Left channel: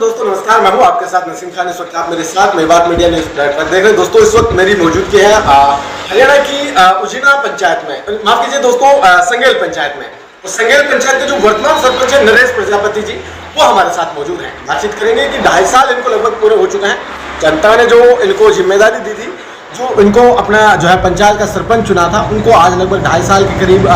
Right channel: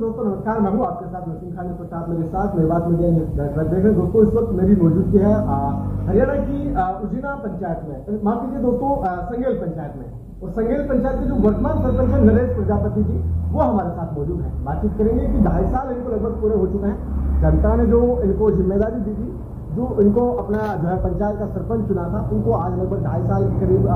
दोस्तों नमस्कार, मैं हूं आपके साथ नसीम खान। इस वक्त आप मेरे साथ मेवात मीडिया न्यूज प्लेटफॉर्म देख रहे हैं। दोस्तों इस वक्त मेरी मौजूदगी है हरियाणा की उजिना पंचायत में, माफ कीजिए दोस्तों, संगेल पंचायत में। तो संगेल पंचायत के जो वर्तमान सरपंच है नरेश प्रजापति जी, वो हमारे साथ मौजूद हैं। बातचीत करेंगे कि 2.5 साल इनको लगभग पूरे हो चुके हैं। जनता ने जो इनको जिम्मेदारी दी थी, जो इनको अपना जो है पंचायत का सरपंच चुना था, उनको आज लगभग 2.5 साल के करीब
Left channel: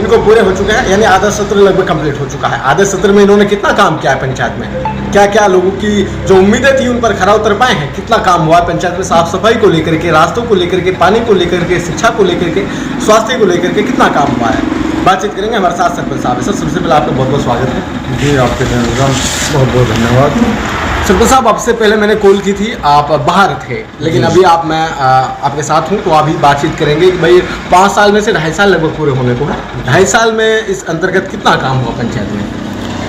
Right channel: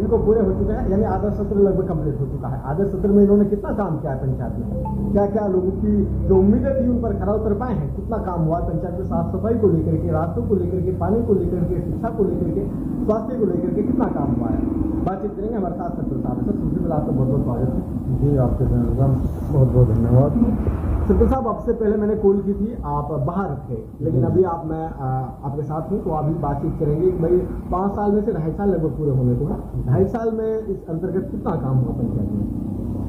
इनको पूरे हो चुके हैं। यानी आधा सत्र लगभग कंप्लीट हो चुका है। आधे सत्र में इन्होंने कितना काम किया है पंचायत में, क्या क्या लोगों की जो उम्मीदें थी उन पर खरा उतर पाए हैं, कितना काम हुआ है पंचायत में, साफ सफाई को लेकर के, रास्तों को लेकर के, पानी को लेकर के, शिक्षा को लेकर के, स्वास्थ्य को लेकर के कितना काम हुआ है। बातचीत करेंगे हमारे साथ सरपंच साहब। सर सबसे पहले आपका बहुत बहुत स्वागत है। जी, आपके बहुत बहुत धन्यवाद। सरपंच साहब, आपसे पहले मैंने कॉल की थी, आप बाहर थे, लेकिन अभी मैं आपके साथ हूँ, तो अभी बातचीत करेंगे कि भाई 5 साल में से 2.5 साल लगभग पूरे होने को है। 2.5 साल में इस अंतर्गत कितना काम हुआ पंचायत में?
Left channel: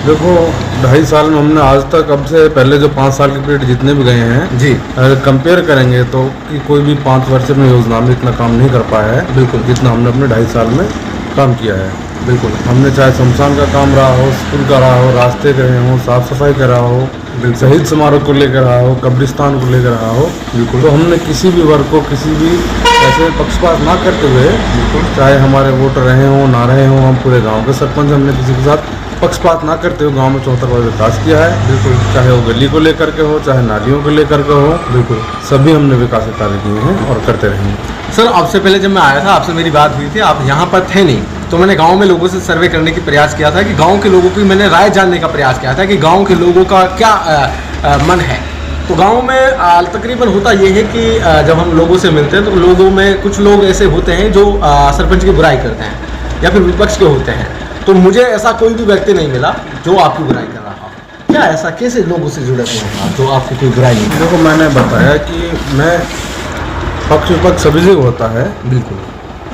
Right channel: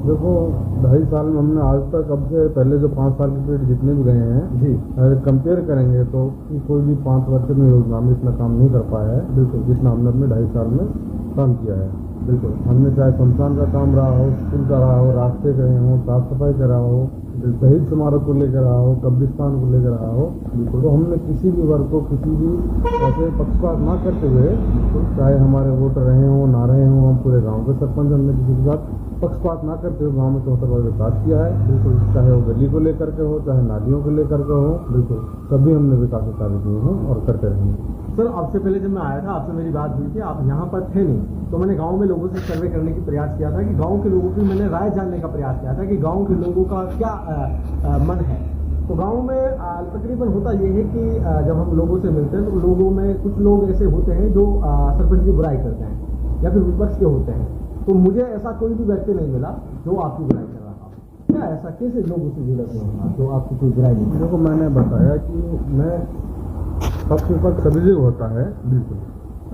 देखो, 2.5 साल में हमने आज तक, अब से पहले जो 5 साल के पीरियड जितने भी गए हैं जी, अगर कंपेयर करेंगे तो कि कोई भी 5 वर्ष में योजना में इतना काम नहीं कर पाया है बिल्कुल, जितना हमने अपने 2.5 साल में काम किया है। बिल्कुल, हमने चाहे शमशान का काम रहा हो, स्कूल का रहा हो, रास्ते का रहे हो, साफ सफाई का रहा हो, शहीद समारोह को लेकर रहा हो, कब्रिस्तान को लेकर रहा हो, बिल्कुल, तो हमने किसी भी वर्ग को किसी भी ऐसे पक्षपात ना करते हुए, चाहे हमारे वोटर रहे हों ना रहे हों, हम पूरे गांव के सरपंच, हमने किसी के साथ पक्षपात ना करते हुए गांव में चौतरफा विकास किया है। बिल्कुल, चाहे वो गली को लेकर के हो, चाहे नालियों को लेकर के हो, बिल्कुल सभी हमने विकास कार्य किए हैं और करते रहेंगे। सर आपसे पहले जब मैं आया था, आपसे मेरी बात हुई थी, आप यहाँ पर थे नहीं, तो मैंने गांव में लोगों से सर्वे करने की प्रयास किया था कि गांव के लोगों की मैंने राय जानने का प्रयास किया था कि गांव के लोगों का क्या मन है। तो गांव में तकरीबन होता ये है कि जब हम लोगों से मिलते हैं तो लोगों में कुछ लोग ऐसे होते हैं जो सरपंच की बुराई करते हैं या फिर विपक्ष के होते हैं। तो मुझे ऐसा कोई भी व्यक्ति नहीं मिला जो आपकी बुराई कर रहा हो। क्या ऐसा कैसे लोगों से जुड़े हुए हैं जो आपकी कोई बुराई नहीं? देखो, मैंने बताया कि मैं पक्ष विपक्ष सभी जगह होता है। बिल्कुल,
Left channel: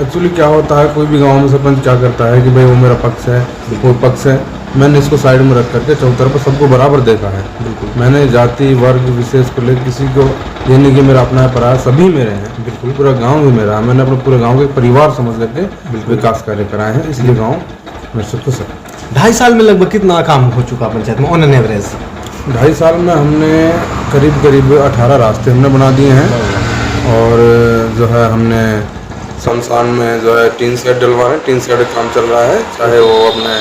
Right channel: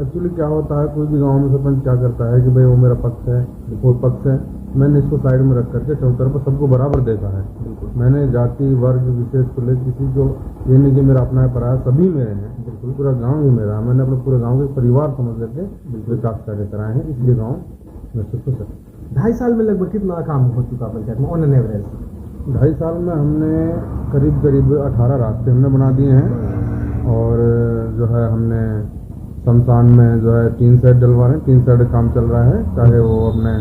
एक्चुअली क्या होता है, कोई भी गांव में सरपंच क्या करता है कि भाई वो मेरा पक्ष है, वो पक्ष है। मैंने इसको साइड में रख करके चौतरफा सबको बराबर देखा है। मैंने जाति वर्ग विशेष को लेकर किसी को ये नहीं कि मेरा अपना है पराया, सभी मेरे हैं। बिल्कुल, पूरा गांव भी मेरा है। मैंने अपने पूरे गांव के परिवार समझ करके विकास कार्य कराए हैं, इसलिए गाँव मेरे से खुश है। 2.5 साल में लगभग कितना काम हो चुका पंचायत में ऑन एन एवरेज? 2.5 साल में हमने करीब 18 रास्ते हमने बना दिए हैं, और जो है हमने शमशान में जो है टीन शेड डलवा रहे हैं। टीन शेड काम चल रहा है, चाहे वो अपने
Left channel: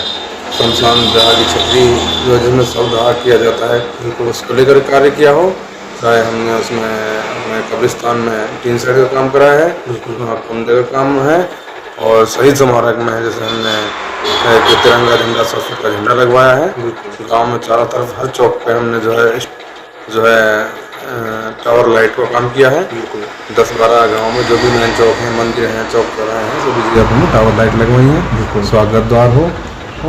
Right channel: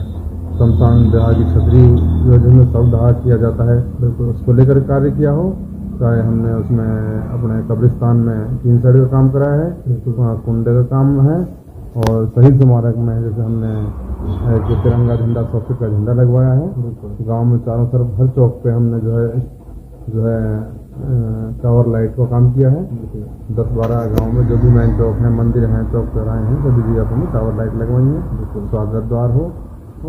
शमशान जहाँ की छतरी जो जिसमें शवदाह किया जाता है उसको लेकर कार्य किया हो, चाहे हमने उसमें अपने कब्रिस्तान में टीन शेड का काम कराया है, वहाँ कुंडे का काम है, और शहीद समारोह में जैसे हमने एक तिरंगा झंडा 100 फीट का झंडा लगवाया है। गाँव में चारों तरफ हर चौक पर हमने जो है टावर लाइट का काम किया है। 10-12 गाँव में जो भी मेन चौक हैं, मंदिर हैं, चौक चौराहे हैं, सभी जगह हमने टावर लाइट लगवाई हैं, स्वागत द्वार हो।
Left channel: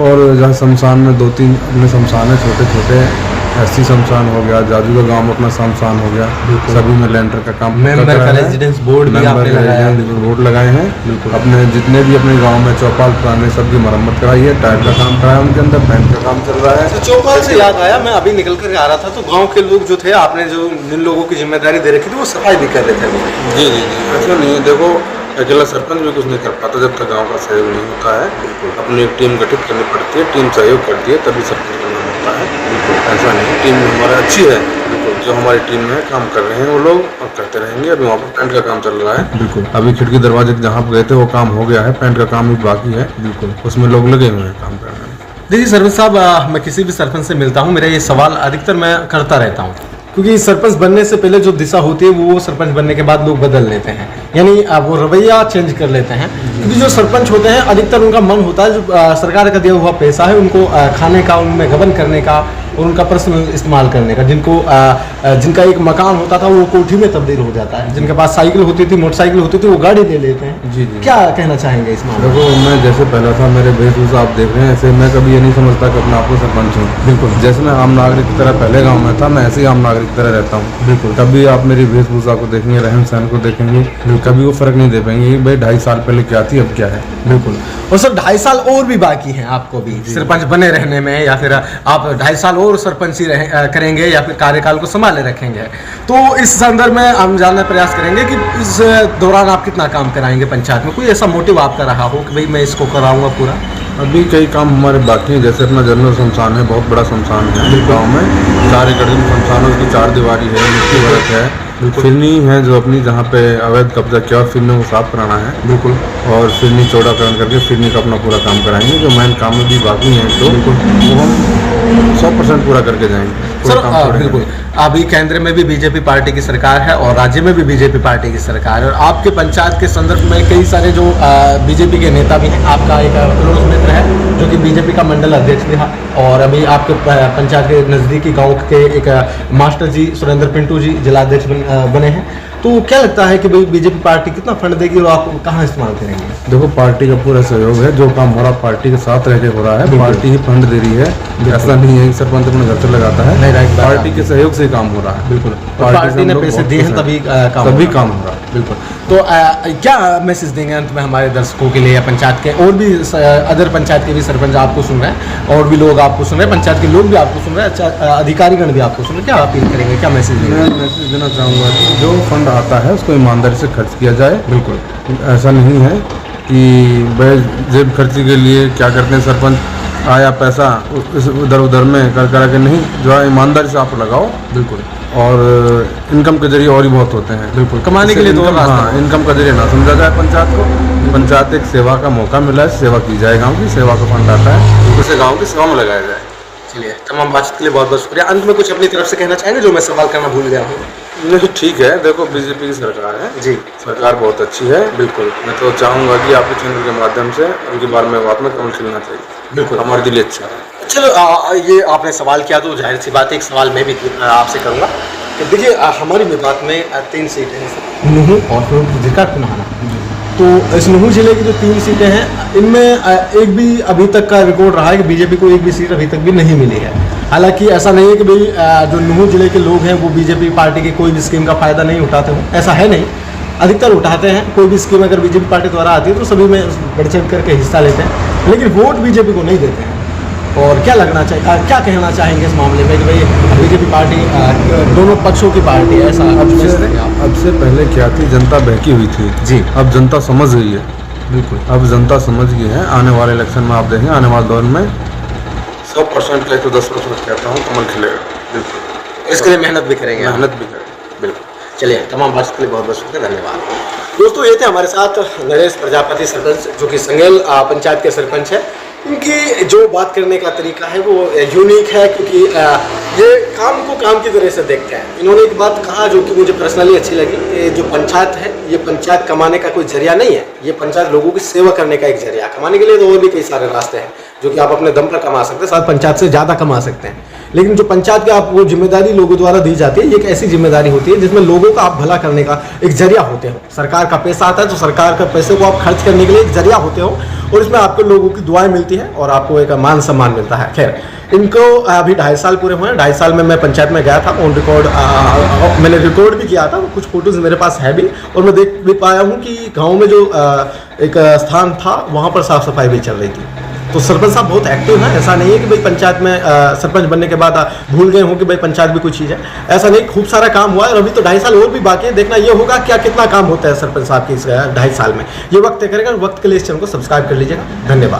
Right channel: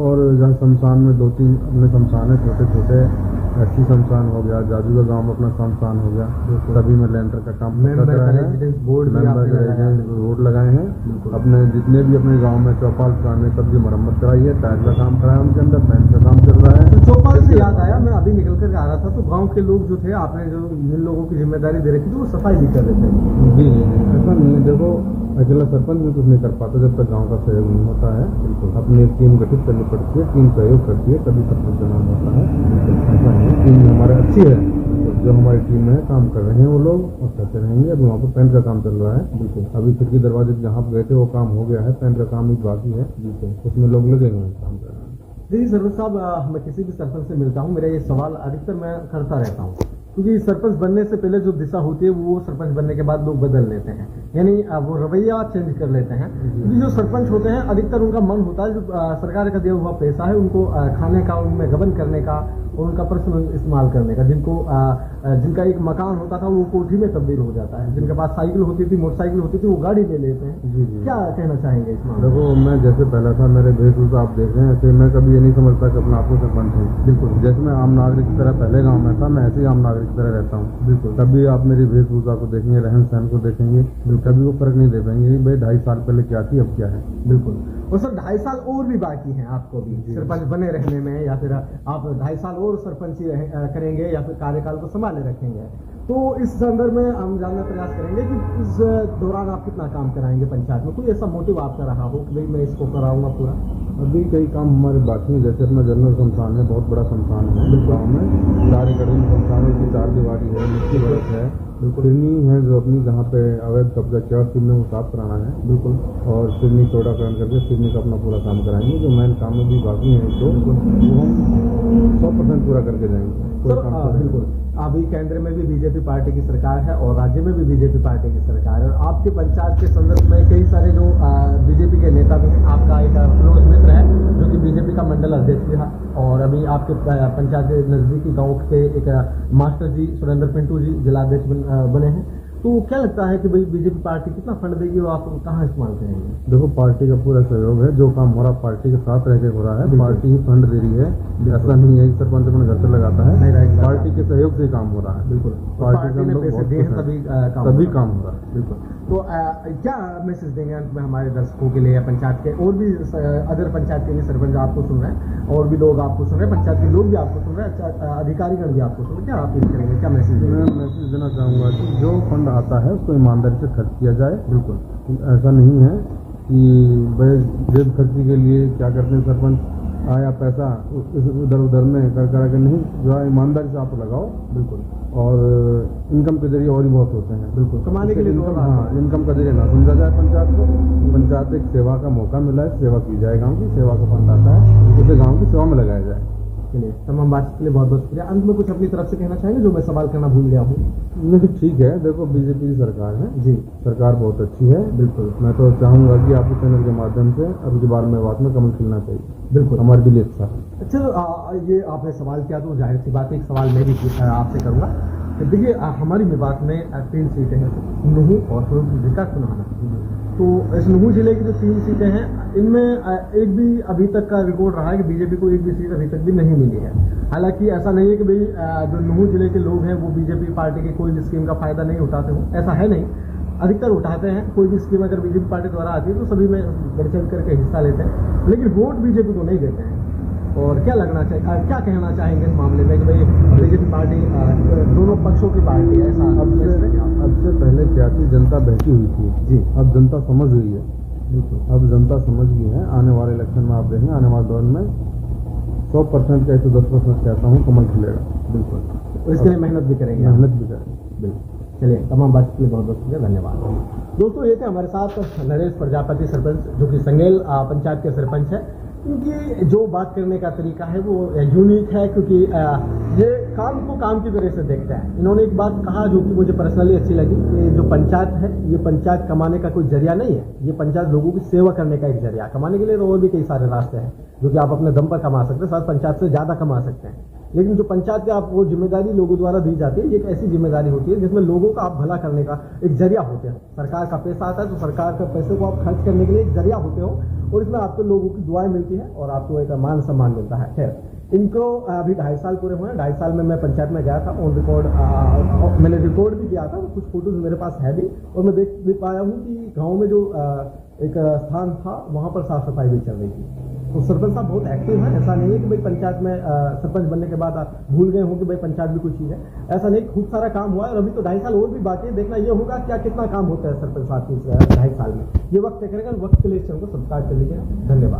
और जहाँ शमशान में 2-3 अपने शमशान है, छोटे छोटे ऐसी शमशान हो गया, जाजू का गाँव में अपना शमशान हो गया, सभी में लेंटर का काम रेजिडेंस बोर्ड लगाए हैं। अपने जितने भी अपने गांव में चौपाल पुराने सबकी मरम्मत कराई है, टायर का काम कराया, उनके अंदर पेंट का काम चल रहा है। चौपाल से याद आया, मैं अभी निकल कर आ रहा था तो गांव के लोग जो थे, आपने जो जिन लोगों की जिम्मेदारी दे रखी थी वो सफाई भी कर रहे थे। जी, ऐसा नहीं है। देखो, अकेला सरपंच भी कुछ नहीं कर पाता जब तक गांव का सहयोग नहीं होता है। अपनी एक टीम गठित करनी पड़ती है, टीम सहयोग करती है तभी सरपंच बनना होता है। ऐसा नहीं, टीम हमारी अच्छी है, जो हमारी टीम में काम कर रहे हैं वो लोग और करते रहेंगे। अभी वहाँ पर पेंट का काम चल रहा है। बिल्कुल, अभी खिड़की दरवाजे जहाँ पर गए थे वो काम हो गया है, पेंट का काम भी बाकी है। बिल्कुल, उसमें लोग लगे हुए हैं काम करने में। देखिए सरपंच साहब, मैं किसी भी सरपंच से मिलता हूँ, मेरा ये सवाल अधिकतर मैं करता रहता हूँ, क्योंकि सरपंच बनने से पहले जो दिशा होती है वो सरपंच बनने के बाद लोग बदल लेते हैं, यानी वो रवैया चेंज कर लेते हैं। क्योंकि जो सरपंच होते हैं अधिकतर उनका मन होता है, जो सरकार का दिया हुआ पैसा है उनको खाने का, उनमें गबन करने का और उनका पर्सनल इस्तेमाल करने का। जिनका एक मकान होता था वो कोठी में तब्दील हो जाता है, जिनके पास साइकिल होती थी, मोटरसाइकिल होती थी, वो गाड़ी ले लेते हैं। जी, क्या कहना चाहेंगे इस मामले में? देखो, मैं जैसे पहला था, मेरे वेशभूषा आप देख रहे हैं, ऐसे मैं कभी ये नहीं समझता कि अपने आप को सरपंच हूँ। बिल्कुल, जैसे मैं आम नागरिक की तरह पहले गाँव में था, मैं ऐसे ही आम नागरिक की तरह रहता हूँ। बिल्कुल, कभी आप मेरी वेशभूषा को देखेंगे, रहन सहन को देखेंगे, कभी वो फर्क नहीं दे पाएंगे भाई 2.5 साल पहले क्या थी अब क्या है। बिल्कुल, और सर 2.5 साल और भी बाकी हैं आपको भी सरपंच बने रहने में, या फिर आप 2.5 साल और सरपंची करेंगे या फिर कार्यकाल को संभाले रखेंगे। तो इस संदर्भ में हम जानने का प्रयास करेंगे कि इस दौरान आप कितना काम कराएंगे पंचायत में। कोई ऐसा मोटिव आपका रहा हो कि भाई मैं इसको कराऊंगा पूरा? अभी कई काम हमारे बाकी हैं, जैसे अपना जनरल शमशान है, बहुत बड़ा शमशान है गाँव में। 4 एकड़ में शमशान है, उसकी 4 दीवारी है, मिट्टी भरत है। फिरनी है जो अपनी जहाँ पे अवैध कब्जा किया, और फिरनी को साफ कराना है बिल्कुल, और फिरनी चौड़ाकरण करके फिरनी का अपना पूरा काम कराएंगे। जो मेन काम में भी बाकी हैं तो वो हम 100% पूरा करके जाएंगे। सर बिल्कुल, अभी केंद्र में भी बीजेपी पार्टी की सरकार है और राज्य में भी बीजेपी पार्टी की सरकार है, और आपके पंचायत के संदर्भ में कई सारे जो बीजेपी के नेता भी हैं। आपका एक क्लोज मित्र है जो कि बीजेपी का मंडल अध्यक्ष भी है, और अभी आपके पंचायत के नज़दीकी गांव के एक मास्टर जी सुरेंद्र पिंटू जी जिलाध्यक्ष बने हैं। तो क्या लगता है कि भाई बीजेपी पार्टी कितना फंड देगी और आप कहाँ इस्तेमाल करेंगे? देखो, पार्टी का पूरा सहयोग है, जो काम हो रहा पार्टी के साथ रह के हो रहा है, पार्टी ही फंड दे रही है। ऐसा नहीं है कि सरपंच अपने घर से लगाता है, पार्टी के सहयोग से काम हो रहा है। बिल्कुल, पार्टी ने पैसे दिए हैं तभी काम हो रहा है। बिल्कुल। तो क्या मैसेज देंगे अंत में हमारे दर्शकों के लिए, या पंचायत के और भी अदर पंचायत के भी सरपंच आपको सुन रहे हैं, और भी लोग आपको सुन रहे हैं, पंचायत के लोग भी आपको सुन रहे हैं, अधिकारीगण भी आपको सुन रहे हैं, क्या अपील करेंगे, क्या मैसेज देंगे? मैं मैसेज देना चाहूँगा कि जो फंड आता है उसको ईमानदारी से खर्च किया जाए। बिल्कुल, ऐसा नहीं है कि भाई जेब खर्ची के लिए क्या करते हैं सरपंच, आया पैसा उधर उधर में कर करा के नहीं, जो है ईमानदारी से आप लगाओ। बिल्कुल, और इनकम के जरिए और भी बहुत होते हैं। बिल्कुल, कमाने के लिए तो इनकम का जरिए ना समझा जाए पंचायत को। पंचायत एक सेवा का मौका मिला है, सेवा की जाए, गाँव की सेवा का फंड आता है, उसे गाँव की सेवा में लगाया जाए। चलिए, तमाम बातचीत के लिए बहुत बहुत शुक्रिया। अंत में कुछ अपनी तरफ से कहना चाहेंगे जो मैं सवाल करना भूल गया हूँ? नहीं, ठीक है। देखो, बीजेपी की सरकार है जी, सरकार बहुत अच्छी है। बिल्कुल, मैं तो चाहूँगा कि आपके चैनल के माध्यम से उनके बारे में बात में कमल खिलना चाहिए। बिल्कुल, हमारे दिल अच्छा है। चलो, ये आपने सवाल किया तो जाहिर सी बात है, एक सवाल मैं भी आपसे करूँगा कि देखिए, हमारी मेवात में 3 सीटें हैं, नूहू और फिर जिक्र पुनाहाना। तो इस नूहू जिले की जो 3 सीटें हैं, इनमें एक भी अभी तक का रिकॉर्ड रहा है कि बीजेपी को एक भी सीट अभी तक भी नहीं मिली है। हालांकि ऐसा नहीं है कि भाई जो नूहू जिले के लोग हैं वो बीजेपी पार्टी की कोई भी स्कीम का फ़ायदा नहीं उठाते हों, ऐसा है नहीं, अधिकतर उठाते हैं। कोई भी स्कीम अगर बीजेपी पार्टी द्वारा आती है तो सभी में बढ़ चढ़ करके हिस्सा लेते हैं, लेकिन वोट बीजेपी को नहीं देते हैं। और क्या लगना चाहिए, क्या कहना चाहेंगे इस मामले में कि भाई बीजेपी पार्टी दोनों पक्षों की पार्टी है? ऐसा अब से पहले क्या थी, जनता बहकी हुई थी जी, अब जनता समझ गई है। बिल्कुल, अब जनता समझ गई है। आने वाले इलेक्शन में आप देखें, आने वाले दौर में 100% का 110% कहता हूँ कमल खिलेगा। बिल्कुल, इसके लिए मेहनत भी करेंगे, बिल्कुल। चलिए, तमाम बात के लिए बहुत बहुत शुक्रिया, धन्यवाद। दोस्तों, ये थे हमारे साथ नरेश प्रजापति सरपंच, जो कि संगेल पंचायत के सरपंच है। इनकी जो बात करने का तरीका है वो यूनिक है, क्योंकि ये काम को काम की तरह से देखते हैं। इन्होंने एक बात कहा जो कि मुझे पर्सनली अच्छी लगी, कि जो पंचायत है ये पंचायत कमाने का कोई जरिया नहीं है, ये पंचायत लोगों की सेवा करने का एक जरिया। कमाने के लिए तो और भी कई सारे रास्ते हैं जो कि आप अपने दम पर कमा सकते हैं, साथ पंचायत से ज़्यादा कमा सकते हैं। लेकिन जो पंचायत की आपको जिम्मेदारी लोगों द्वारा दी जाती है, ये एक ऐसी जिम्मेदारी होती है जिसमें लोगों का आप भला करने का एक जरिया होते हो। सरकार का पैसा आता है तो सरकार का पैसे को आप खर्च करने के लिए एक जरिया होते हो, और इसमें आपको लोगों की दुआएं मिलती है और आपको एक मान सम्मान मिलता है। खैर, इनको अभी 2.5 साल पूरे हुए हैं। 2.5 साल में मैं पंचायत में गया था, ऑन रिकॉर्ड मैंने रिकॉर्ड भी किया था, कुछ फोटोज़ मेरे पास है भी, और मैं देख भी पाया हूँ कि गाँव में जो एक स्थान था वहाँ पर साफ़ सफाई भी चल रही थी। तो सरपंच साहब बहुत एक्टिव हैं। ऐसा नहीं है कि भाई पंचायत में सरपंच बनने के बाद भूल गए हों कि भाई पंचायत भी कोई चीज़ है, ऐसा नहीं। खूब सारा काम हुआ है और अभी तो 2.5 साल और भी बाकी है। देखना ये होगा क्या कितना काम होता है सरपंच साहब की इस 2.5 साल में। ये वक्त तय करेगा। वक्त के लिए इस चैनल को सब्सक्राइब कर लीजिएगा। धन्यवाद।